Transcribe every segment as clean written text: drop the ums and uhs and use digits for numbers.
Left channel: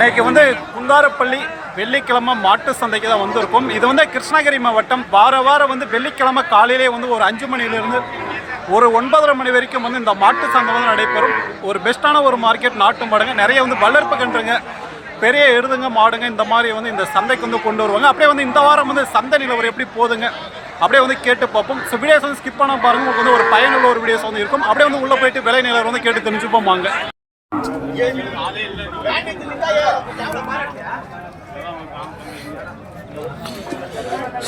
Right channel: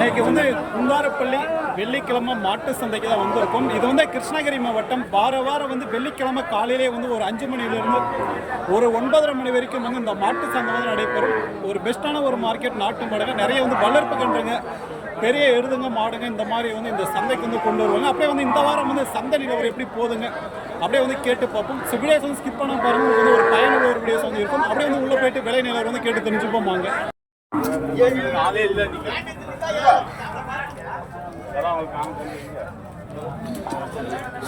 இன்னைக்கு வந்து குந்தாரப்பள்ளி வெள்ளிக்கிழமை மாட்டு சந்தைக்கு தான் வந்திருக்கும். இது வந்து கிருஷ்ணகிரி மாவட்டம். வாரம் வந்து வெள்ளிக்கிழமை காலையிலே வந்து ஒரு 5 மணிலிருந்து ஒரு 9:30 மணி வரைக்கும் வந்து இந்த மாட்டு சந்தை வந்து நடைபெறும். ஒரு பெஸ்ட்டான ஒரு மார்க்கெட். நாட்டு மாடுங்க நிறைய வந்து வளர்ப்பு கன்றுங்க, பெரிய எருதுங்க, மாடுங்க இந்த மாதிரி வந்து இந்த சந்தைக்கு வந்து கொண்டு வருவாங்க. அப்படியே வந்து இந்த வாரம் வந்து சந்தை நிலவரம் எப்படி போகுதுங்க அப்படியே வந்து கேட்டு பார்ப்போம். ஸோ வீடியோஸ் வந்து ஸ்கிப் பண்ண பாருங்க, உங்களுக்கு வந்து ஒரு பயனுள்ள ஒரு வீடியோஸ் வந்து இருக்கும். அப்படியே வந்து உள்ளே போயிட்டு விலை நிலவரம் வந்து கேட்டு தெரிஞ்சுப்போம் வாங்க.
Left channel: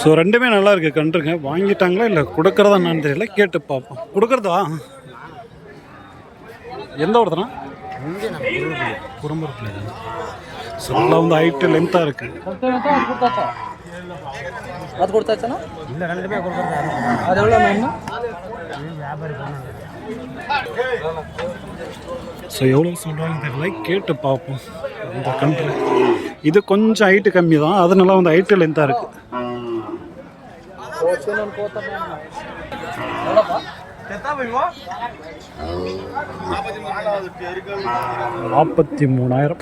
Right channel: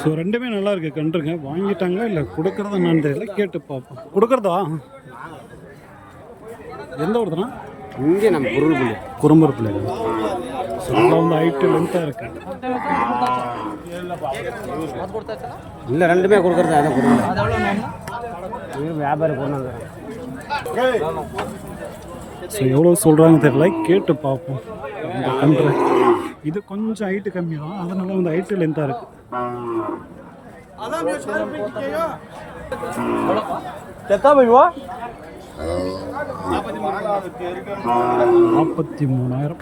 ஸோ ரெண்டுமே நல்லா இருக்கு கன்றுங்க. வாங்கிட்டாங்களா இல்லை கொடுக்குறதா என்னன்னு தெரியல, கேட்டு பார்ப்போம். கொடுக்குறதா எந்த ஒருத்தனா இங்கே நம்ம குறும்புறப்பில் தான். ஸோ நல்லா வந்து ஹைட்டு லென்த்தாக இருக்கு. இல்லை ரெண்டுமே கொடுக்குறது வியாபாரி போனாங்க. ஸோ எவ்வளோ சொல்கிறாங்க தெரியல, கேட்டு பார்ப்போம். இந்த கன்று இது கொஞ்சம் ஹைட்டு கம்மி தான், அதனால வந்து ஹைட்டு லென்த்தாக இருக்குது. 43,000.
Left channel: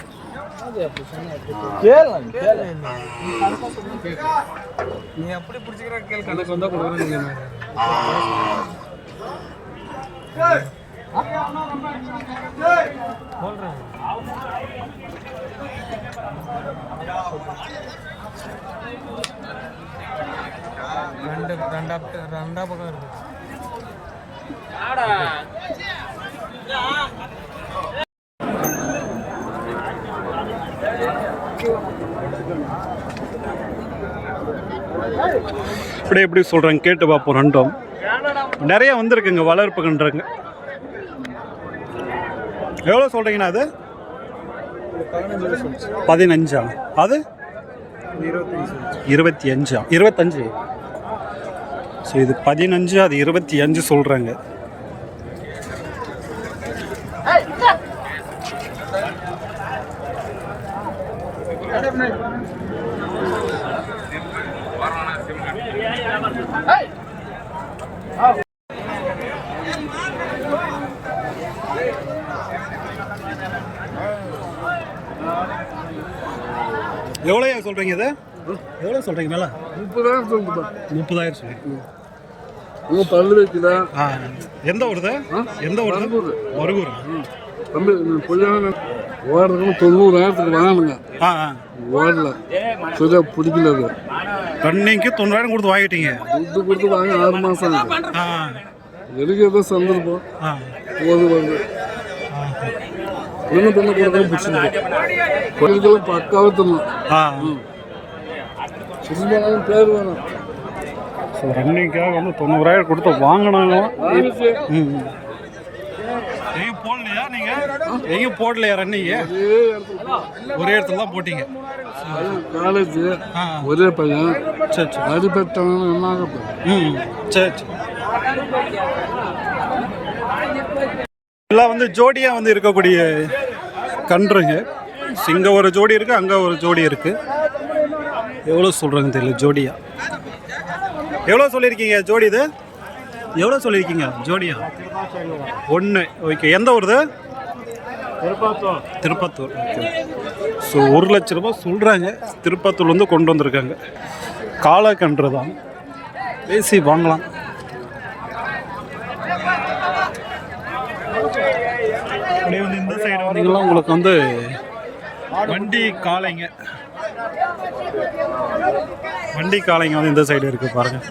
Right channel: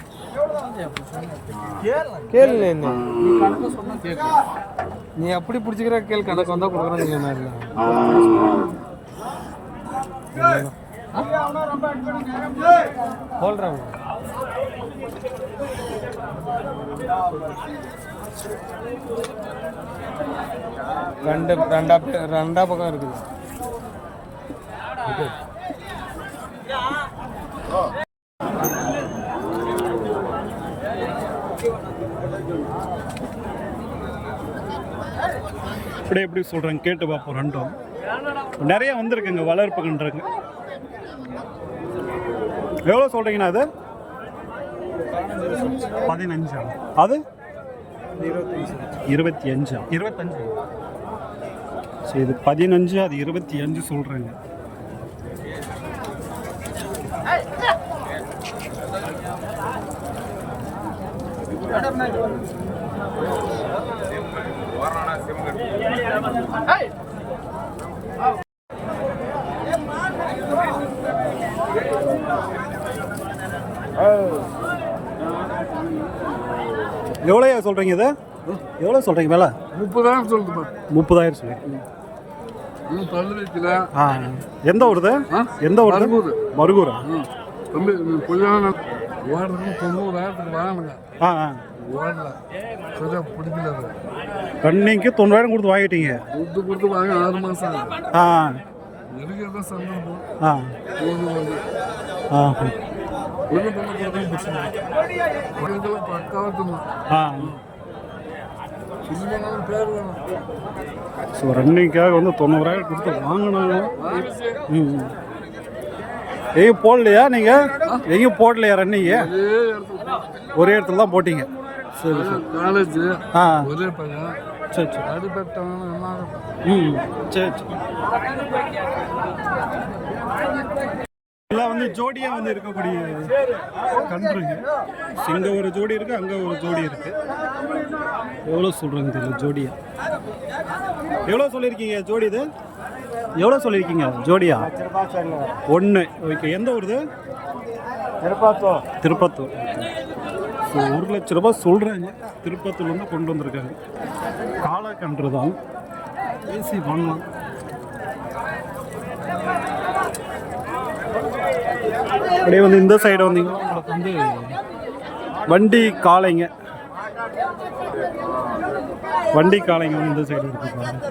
நீ அப்படி பிடிச்சிக்கிற கேள் கணக்கு வந்தா கொடுக்குறாங்க. ரெண்டா பக்கம் இருக்குது. இப்படி எப்படி சொல்கிறாங்க கேட்டு பார்ப்போம். ரெண்டும் நிறைய வந்திருக்குங்க வளர்ப்பு கன்றுங்க. எவ்வளோ சொல்கிறீங்கண்ணா? அது 15. அது 25. ஸோ இது 15, அது 25 சொல்கிறாங்க. எவ்வளோயா சொல்கிறீங்க? இது எவ்வளோ சொல்கிறீங்க மேலே? 30,000 சொல்லுதுப்பா. 30,000 சொல்லுங்க. பல்லு வைக்கல. எந்த ஊருது? எந்த ஊர்? மருகூரா? தம்பி கொஞ்சம் ஓடுறதுக்கு 90,000 வாங்கணுங்க. ஓடல சரியா பிடிக்கல. அது ரன்னிங்க்கு 90,000 கொடுத்து வாங்கிட்டீங்க. துட்டு கொடுத்து வாங்க 6 மாதம் ஆகுது. எதுக்கு ஏதோ சந்தர்ப்பம் போது வருது. பொண்ணு கொடுத்து பிடிச்சிருக்கு. பொண்ணுக்கெல்லாம் பக்காவாக தரணும். சின்ன பேர் வேணும். ஸோ ரன்னிங்காக வந்து 90,000 கொடுத்து வாங்கினாங்களாம். எங்கேயும் போடலையா நீங்கள்? எங்கேயும் போடலையா ரன்னிங்க? ஒரே இடத்துல தான் போட்டீங்க. காலேஜ் ஒரே பையன். சரி சரி. அடிப்பட்டாங்க. சரி சரி. எல்லாம் வந்து ஜோடியாக வந்து இருக்கக்கூடிய கன்றுங்க. இங்கே ஒரு ஜோடி இருக்குது, அங்கே ஒரு ஜோடி இருக்குது. எவ்வளோ சொல்கிறாங்க தெரியல ஜோடியா. எவ்வளோ சொல்லியிருக்கீங்க ஜோடி? இது எவ்வளோ சொல்லியிருக்கீங்க ஜோடியா? 1. ஓகே. எந்த ஊருது? திருப்பத்தூர். ஓகே. ஸோ 1 லட்ச ரூபாய் சொல்கிறாங்க. திருப்பத்தூர் வந்து கொண்டு வந்திருக்காங்க. காலக்கன்று தான், பேசி வாங்கலாம். அப்படியே வந்து இந்த சைடு வந்தீங்கன்னா உங்களுக்கு வந்து வண்டி காளைங்க வந்து இந்த சைடு இருக்குது பாருங்கள்.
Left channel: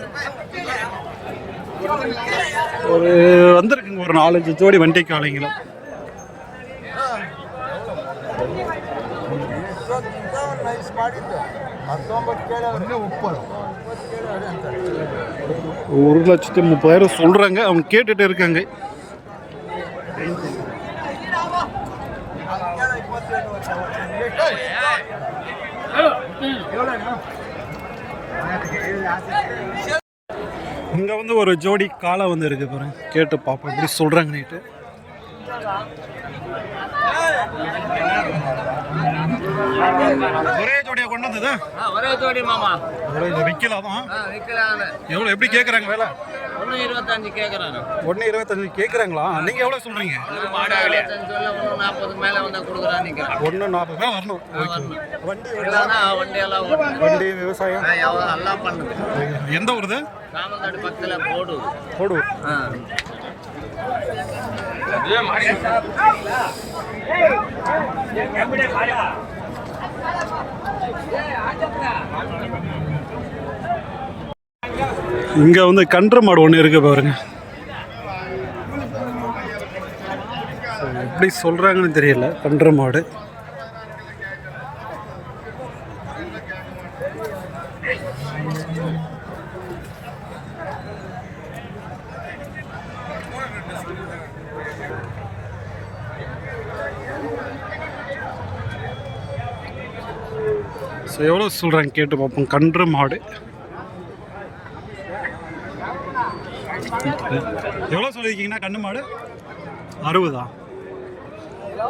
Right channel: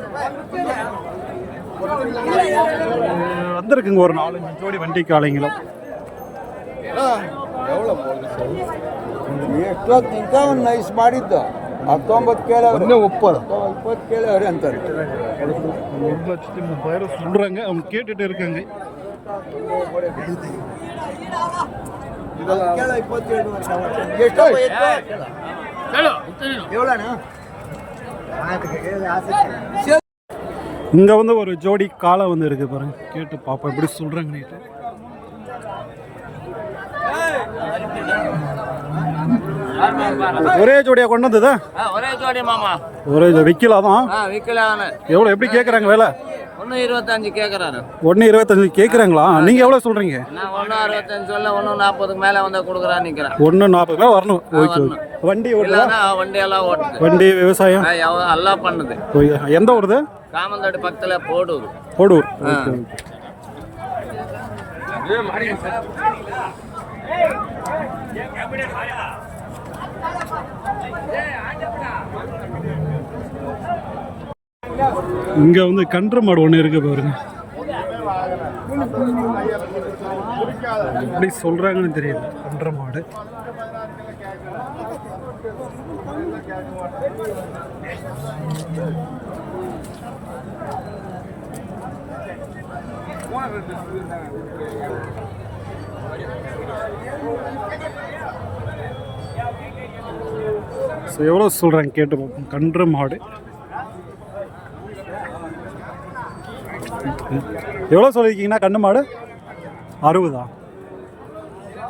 வந்திருக்குங்க ஒரு 4-5 ஜோடி வண்டி காளைங்களும். 1,30,000 சொல்றாங்க. அவங்க கேட்டுட்டு இருக்காங்க. இங்க வந்து ஒரு ஜோடி காளை வந்து இருக்கு பாருங்க. கேட்டு பாப்போம் எப்படி சொல்றாங்க நீட்டு. ஒரே ஜோடியா கொண்டு வந்ததா? ஒரே ஜோடி மாமா. ஒரே விக்கலாதான். விக்கலாம். எவ்வளவு எப்படி கேக்குறாங்க வேலை? 1.25 கேக்குறாரு. 1.25 கேக்குறாங்களா? நீங்க எவ்வளவு சொல்றீங்க? நான் 1.25 சொல்ல 1.40க்கு மேல வந்தா கொடுக்குறான்னு நிக்கிறேன். 1.40 மேல வரணும். ஓகே. வண்டி வண்டி எல்லாம் ஓட்டு. வண்டி விவசாயம் எல்லாம் பண்ணுது. எந்த ஊருது? காமந்தாடி பக்கத்துல போடூர். போடூர். இங்க வந்து கன்று மாடு ஒன்று இருக்கு பாருங்க. எப்படி சொல்றாங்கன்னு தெரியல. கன்று மாடு எவ்வளோ சொல்றாங்க கேட்டு பார்ப்போம். கன்று மாடு எவ்வளோ சொல்லியிருக்கீங்கன்னா? கன்று மாடு 60.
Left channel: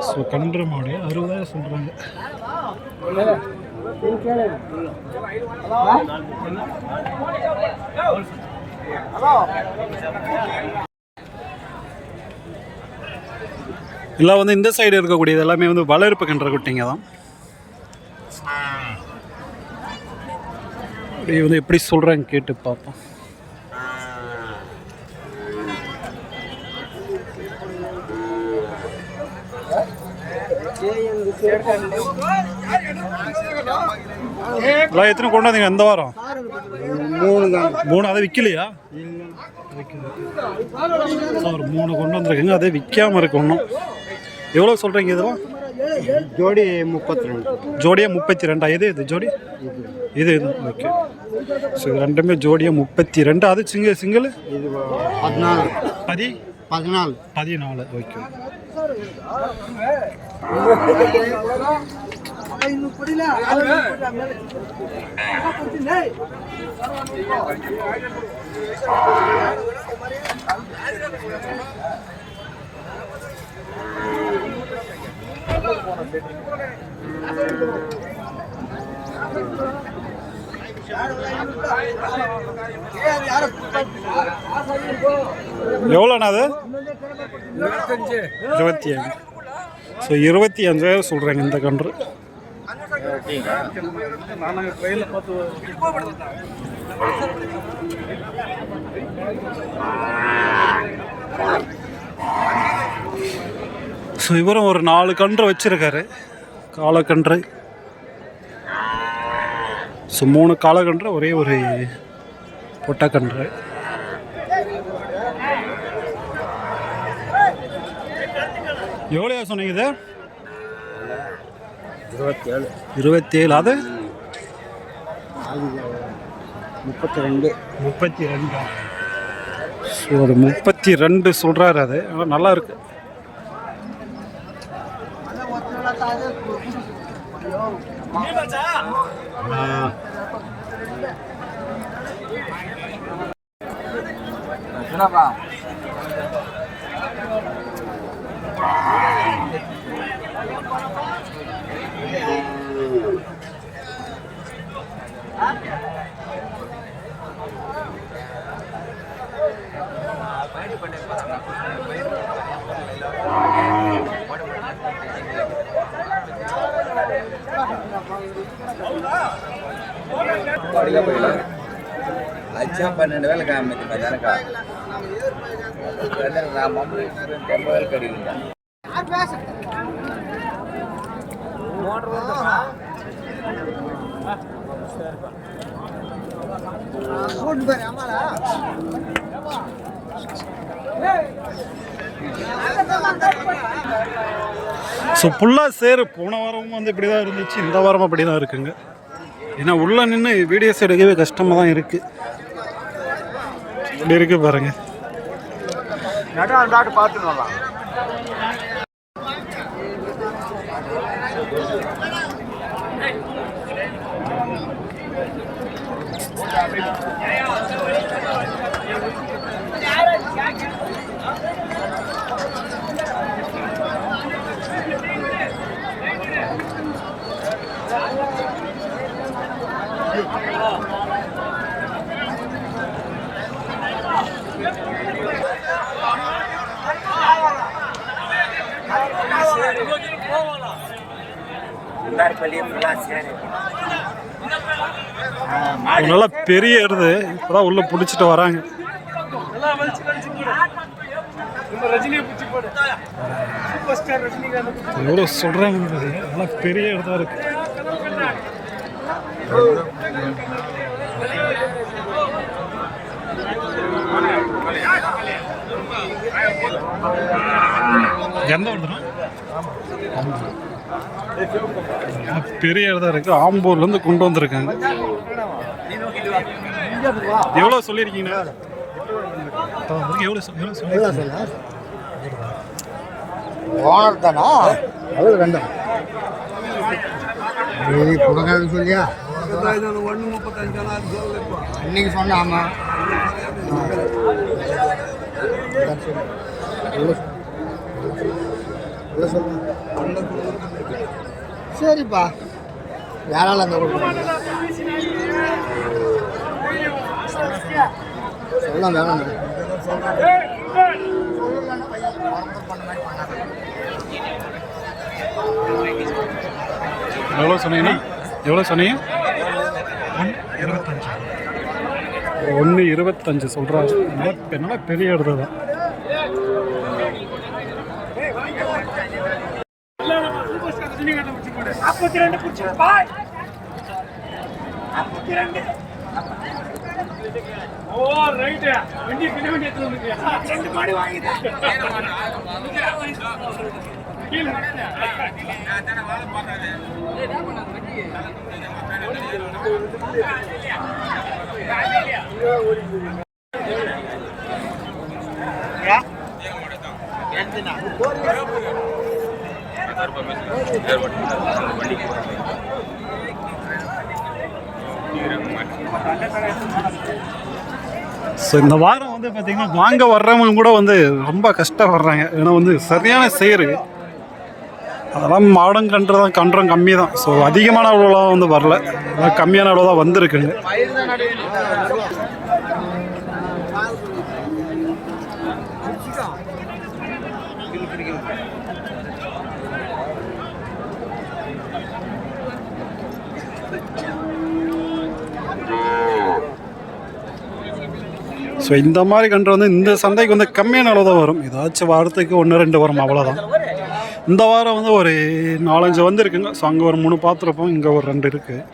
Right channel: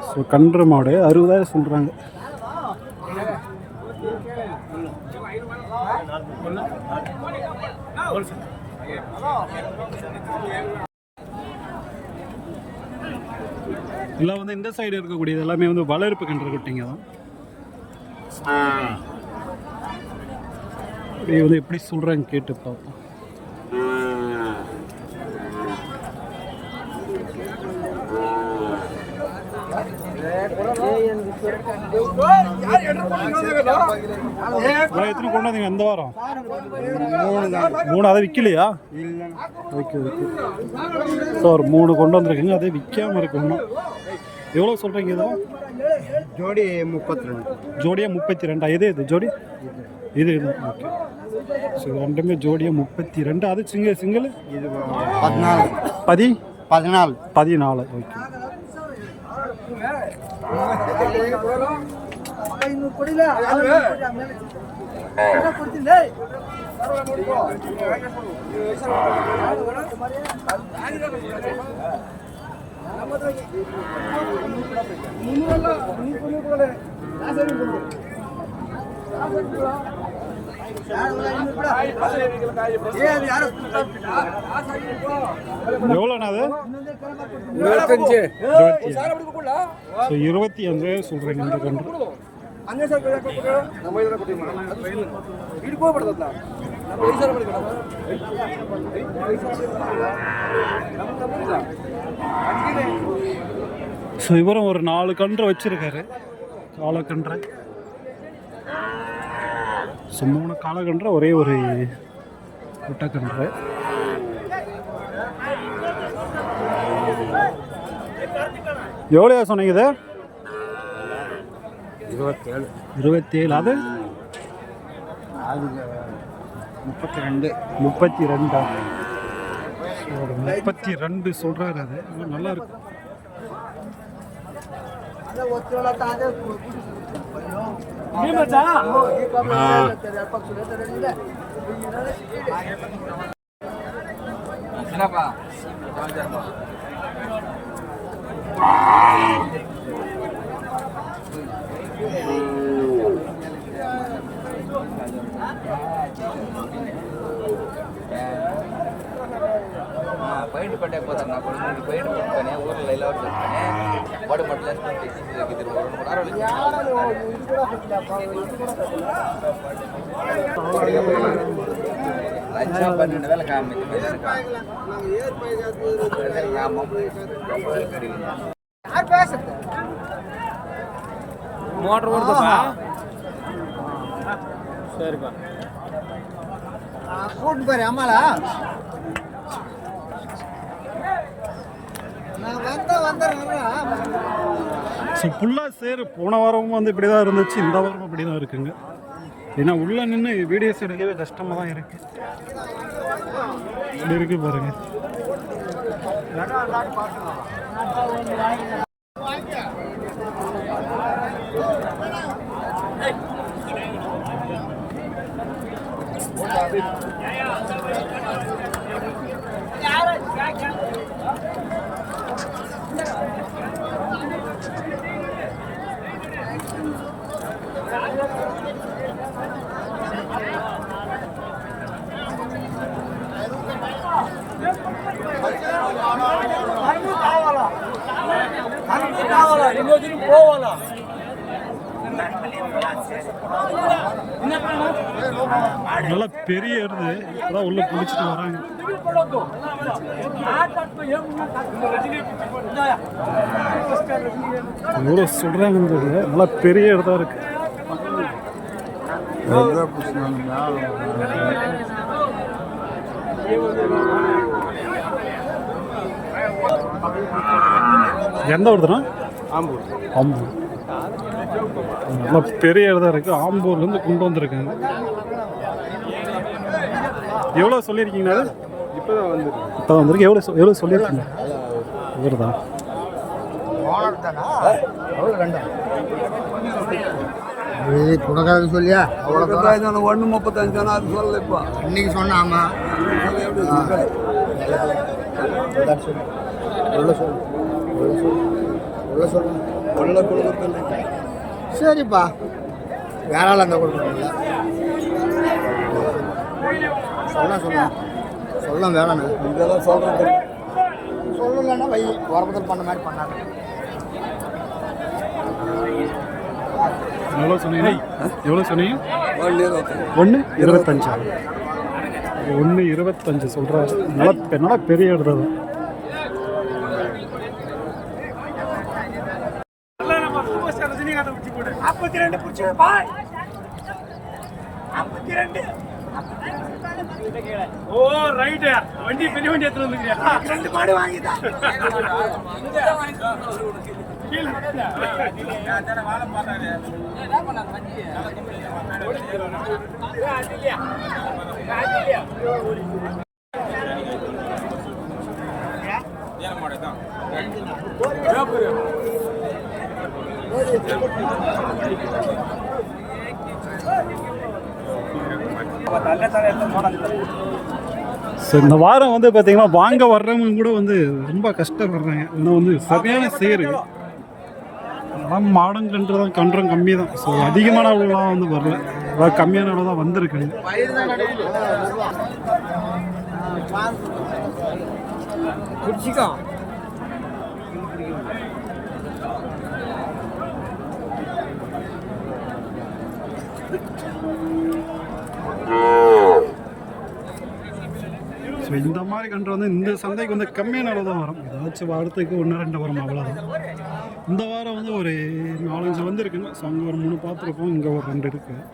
ஸோ கன்று மாடு 60,000 சொல்கிறாங்க. எல்லாம் வந்து இந்த சைடு இருக்கக்கூடியது எல்லாமே வந்து வளர்ப்பு கன்று குட்டிங்க தான். இது வந்து எப்படி சொல்கிறாங்க கேட்டு பார்ப்போம். எத்தனை கொண்டு வந்தீங்க இந்த வாரம்? 3. அதை விற்கலையா? சார் 3 கொண்டு வந்திருக்குங்க. அதே விற்காம இருக்கு இன்னும். எவ்வளோ சொல்கிறீங்க இதெல்லாம்? ஜோடி 32. ஜோடியாக 32. இது ஜோடி இது ஓகே. ஸோ இது ரெண்டுமே ஜோடியாக 32. அது சிங்கிள் இது 14. 14. ஓகே. எவ்வளோண்ணா அது? 25. ஸோ 25,000 சொல்கிறாங்க இந்த கன்று. ஸோ இவரும் ஒரு 4 கன்று வச்சிருக்காரு. காலக்கன்று. ஸோ 3 காலக்கன்று, ஒரே ஒரு பொட்டக்கன்று. எவ்வளோ சொன்னீங்க இது? 27. அது 32. ஸோ அது 32 சொல்கிறாரு. அது ஆனால் நல்லா இருக்கு. ஸோ ஃபுல்லாக சேரு. போன வாரமும் வந்து இப்படி தான் இருந்துச்சு. இந்த வாரமும் அப்படி தான் இருக்குங்க. ஏன்னா உள்ளே நின்று வீடியோஸ் எடுக்கவே கஷ்டமாக தான் இருக்குது. இப்படி இருக்குது பாருங்கள். நல்லா பெரிய எருது இப்போதான் உள்ள பிடிச்சிட்டு வராங்க. எவ்வளோ சொல்றாங்கன்றது நல்லா பெரிய எருதா இருக்கு. எந்த வருதுண்ணா? ஆம்பூர். நல்லா பெரிய இடதா இருக்குது. ஆம்பூர்லேருந்து கொண்டு வந்திருக்காங்க. எவ்வளோ சொல்லியிருக்கீங்கண்ணா? இப்போ வந்திருக்கு. எவ்வளோ சொல்லியிருக்கீங்க? இவர்தான் ஓனர் தானா? அவ்வளோ வேண்டாம் கொடுக்காது சொல்லியா? அவ்வளோ 1.35 அது சொல்லல. இப்போ இன்னைக்கு சொன்னாமா சரிப்பா. யாரால அந்த கொடுக்குறீங்க? சொல்லலாம் வேணாம். இதெல்லாம் சொல்கிறேன். சொல்லலைன்னா வை வரம்பு பண்ண மாதிரி பண்ணாங்க. எவ்வளோ சொன்னீங்கன்னா? எவ்வளோ சொன்னீங்க? 1.25. 1.25 சொல்கிறாரு. நல்லா பெரிய இடத்துல தான். ஓ ரைட். வண்டி பெரிய வண்டி எடுத்து வந்துருக்கியா? 2 மாடி வாங்கிட்டேன். ஸோ இந்த வாரம் வந்து பார்த்தீங்கன்னா வாங்க வர்றவங்க கூட வந்து ரொம்ப கஷ்டப்படுறாங்க. ஏன்னா வந்து சரியான சேரு. அதெல்லாம் மாடம் கன்றம் கம்மி தான். ஸோ அதிகமான அளவுலாம் வந்து வரல. அதாவது கம்மியான அளவு தான் வந்திருக்குங்க. ஸோ இந்த மாதிரி கன்று வந்து இந்த சந்தைக்கு வந்து கம்மியான அளவு தான் வரும். ஏதாச்சும் வாரத்துக்கு 1-2 வரும், அவ்வளோதான். இந்த வாரம் வந்து ஒரு 4-5 வந்துருக்குங்க. ஸோ அங்கே ஒரு 3 பார்த்துருப்போம், இங்கே ஒரு 2 இருக்குது.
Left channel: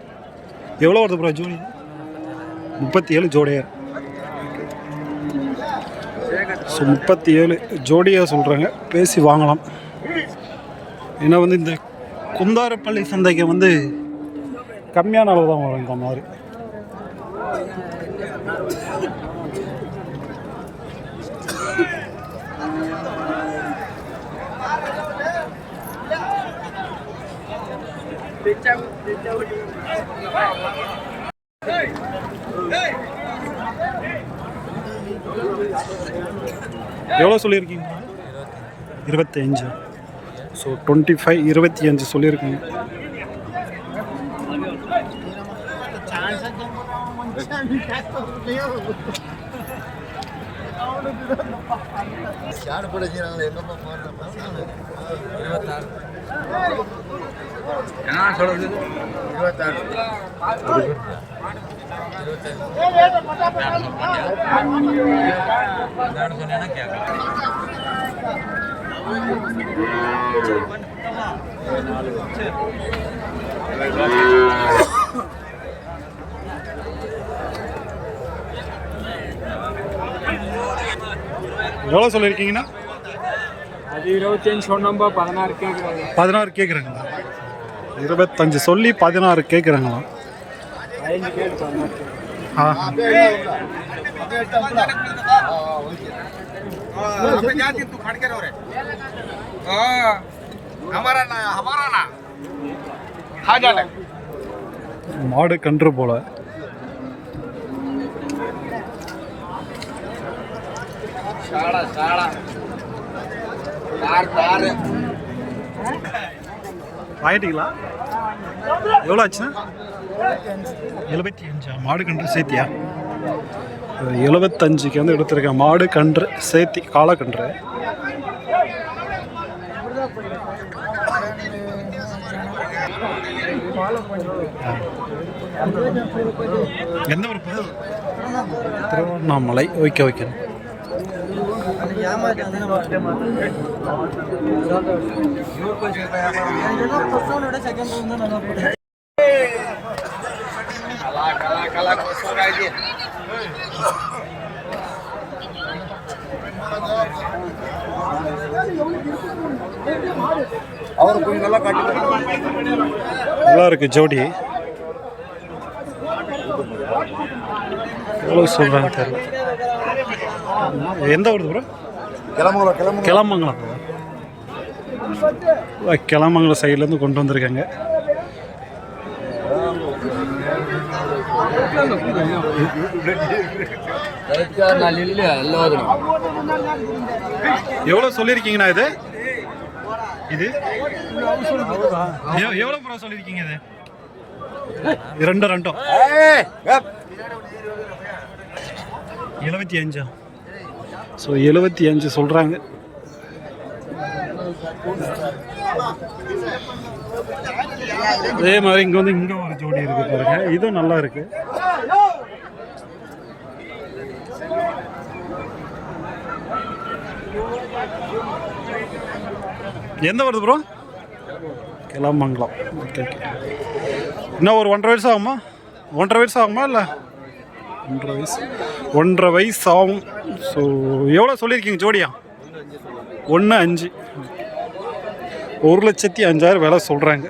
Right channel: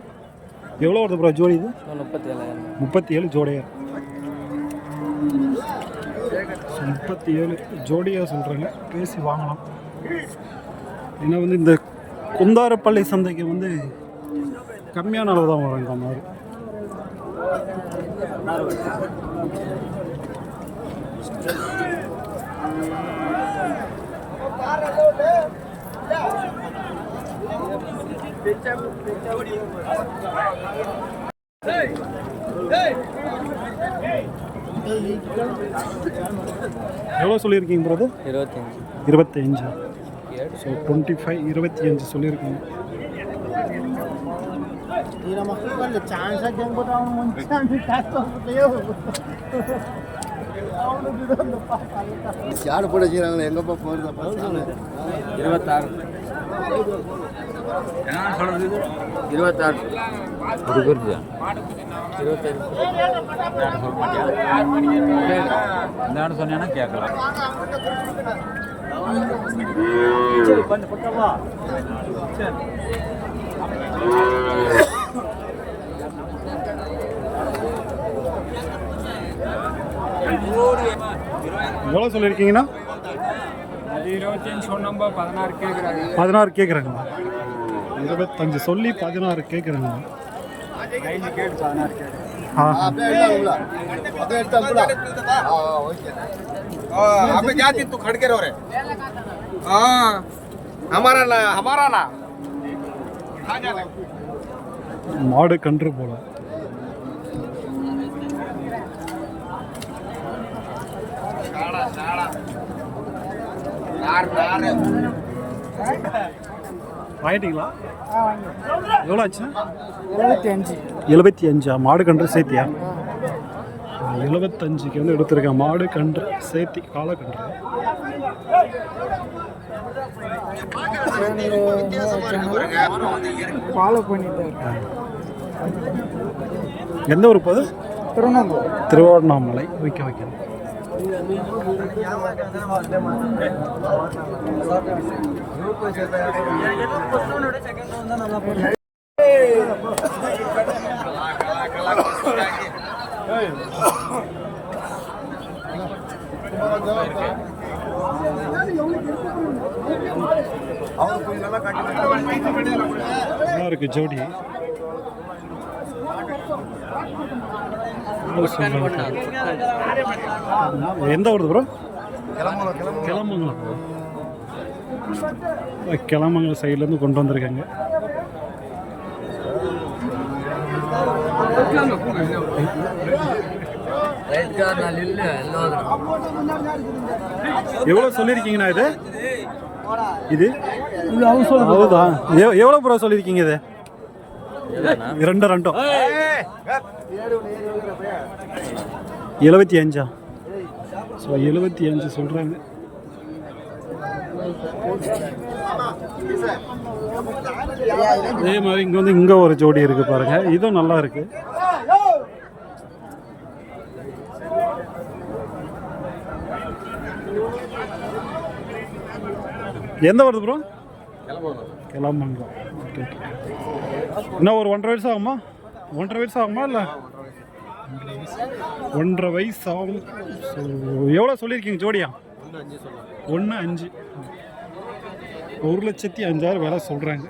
எவ்வளோ வருது ப்ரோ ஜோடி? இது 37 ஜோடியாக. ஸோ 37 ஜோடியாக சொல்கிறாங்க. பேசி வாங்கலாம். ஏன்னா வந்து இந்த குந்தாரப்பள்ளி சந்தைக்கு வந்து கம்மியான அளவு தான் வரும் இந்த மாதிரி. எவ்வளோ சொல்லியிருக்கீங்க ப்ரோ? 25. ஸோ 25 25 சொல்லியிருக்கீங்க. யாரு கூட செய்யறாங்க? எங்கப்பா போயிருந்தா 26 என்ன சொல்றது? 26 நான் சொன்னேன்னா கேட்கலாம். எவ்வளோ சொல்லியிருக்கீங்கன்னா? அது 25 சொன்னோம்பா. 16 கேட்குறாங்க. 16 கேட்குறாங்களா? 25 சொல்லி 16 கேட்குறாங்களா? हाँ तू खड़ के रहो रे हमारा ना खा जाना மாடு கன்று போல வாங்கிட்டீங்களா எவ்வளோ ஆச்சுண்ணா 75 மாடு கன்று சேர்த்தியா 75க்கு வந்து எடுத்திருக்கேன் மாடு கன்று சேர்த்தி காலக்கன்று எந்த ஊர் போகுது திருவண்ணாமலை ஓகே ஓகே நல்லா இருக்கு ஜோடி எவ்வளோ சொல்கிறாங்க தெரியல எந்த ஊர் ப்ரோ கிளமங்கலம் கிளமங்கலம் சைட்லேருந்து கொண்டு வந்திருக்காங்க எவ்வளோ சொல்லியிருக்கீங்கண்ணா இது இது எவ்வளோ ப்ரோ சொல்லியிருக்கீங்க இது ரெண்டும் 75 ஸோ 75 சொல்கிறாங்க அதே மாதிரி இங்கே வந்து இங்கே ஒரு ஜோடி இருக்குது பாருங்கள் இதுவும் நல்லா இருக்குது எந்த வருது ப்ரோ கிளமங்கலம் ஓகே ஓகே இன்னும் ஒரு 1.5 வயசு ஆகுமா 1.5 வயசு ஆகுமா இல்லை 1.5 வயசு ஆகும் ஸோ எவ்வளோ சொல்லியிருக்கீங்க ஜோடியா 1.5 1,05,000 விலை சொல்கிறாங்க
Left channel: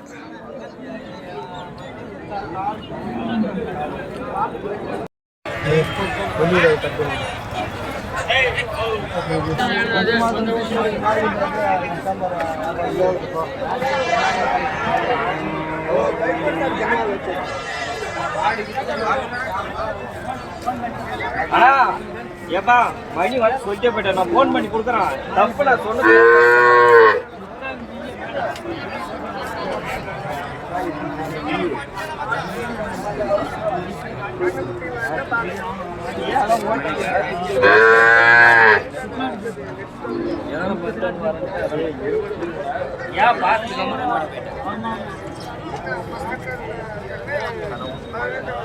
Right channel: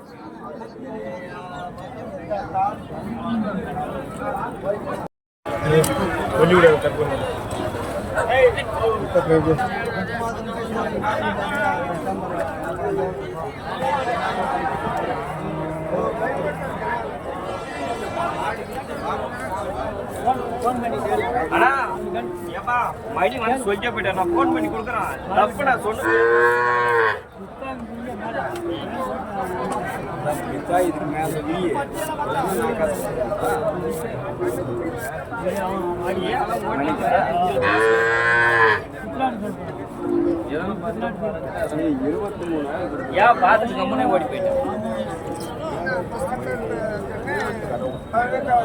அண்ணா ஏப்பா மணி வந்து சொல்லிட்டே போயிட்டேன் நான் ஃபோன் பண்ணி கொடுக்குறேன் தப்பு நான் சொன்னது ஏன் பார்த்து ஓடி போயிட்டேன்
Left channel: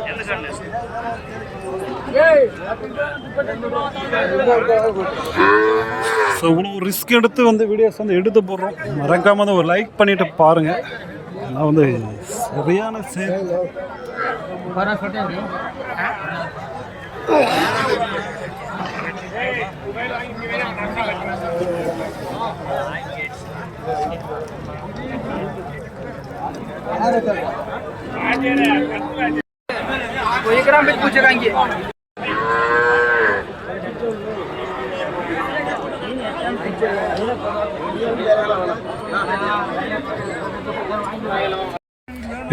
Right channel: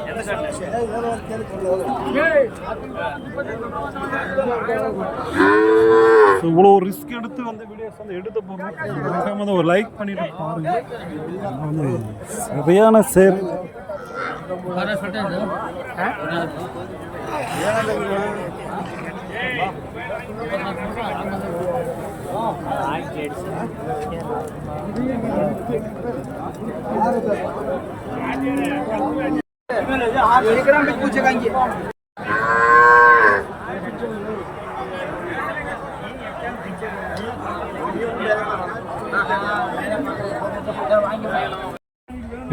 என்ன சொன்னேன் ஸோ இவ்வளோ ரிஸ்க் எடுத்து வந்து வீடியோஸ் வந்து எடுத்து போடுறோம் மறக்காம வந்து ஒரு லைக் பண்ணிட்டு பாருங்க நான் வந்து சரியான சேர் पूछेगा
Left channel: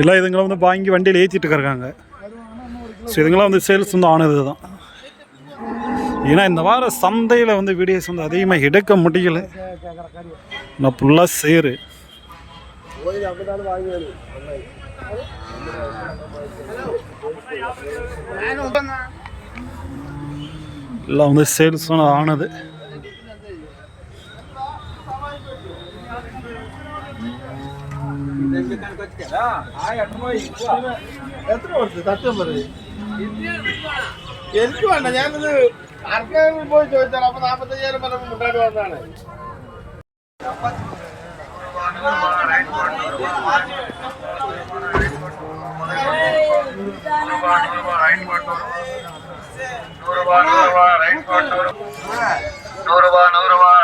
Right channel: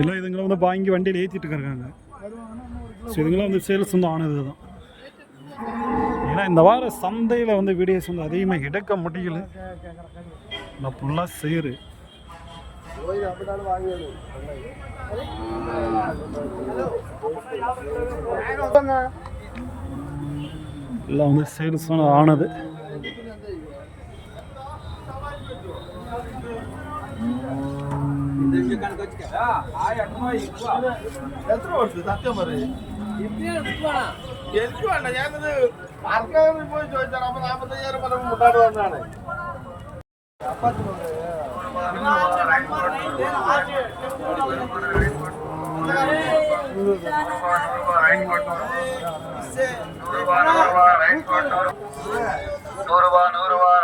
இல்லை இதுங்களை வந்து வாங்கி வண்டியில் ஏற்றிட்டு இருக்காங்க ஸோ இதுங்களாம் வந்து சேல்ஸ் வந்து ஆனது தான் ஏன்னா இந்த வார சந்தையில் வந்து வீடியோஸ் வந்து அதிகமாக எடுக்க முடியல நான் ஃபுல்லாக சேரு எல்லாம் வந்து சேல்ஸ் ஆனது പോയി ചോദിച്ചാൽ അപ്പൊ 45,000 മുട്ടാട്ട് വന്നാണ് ₹100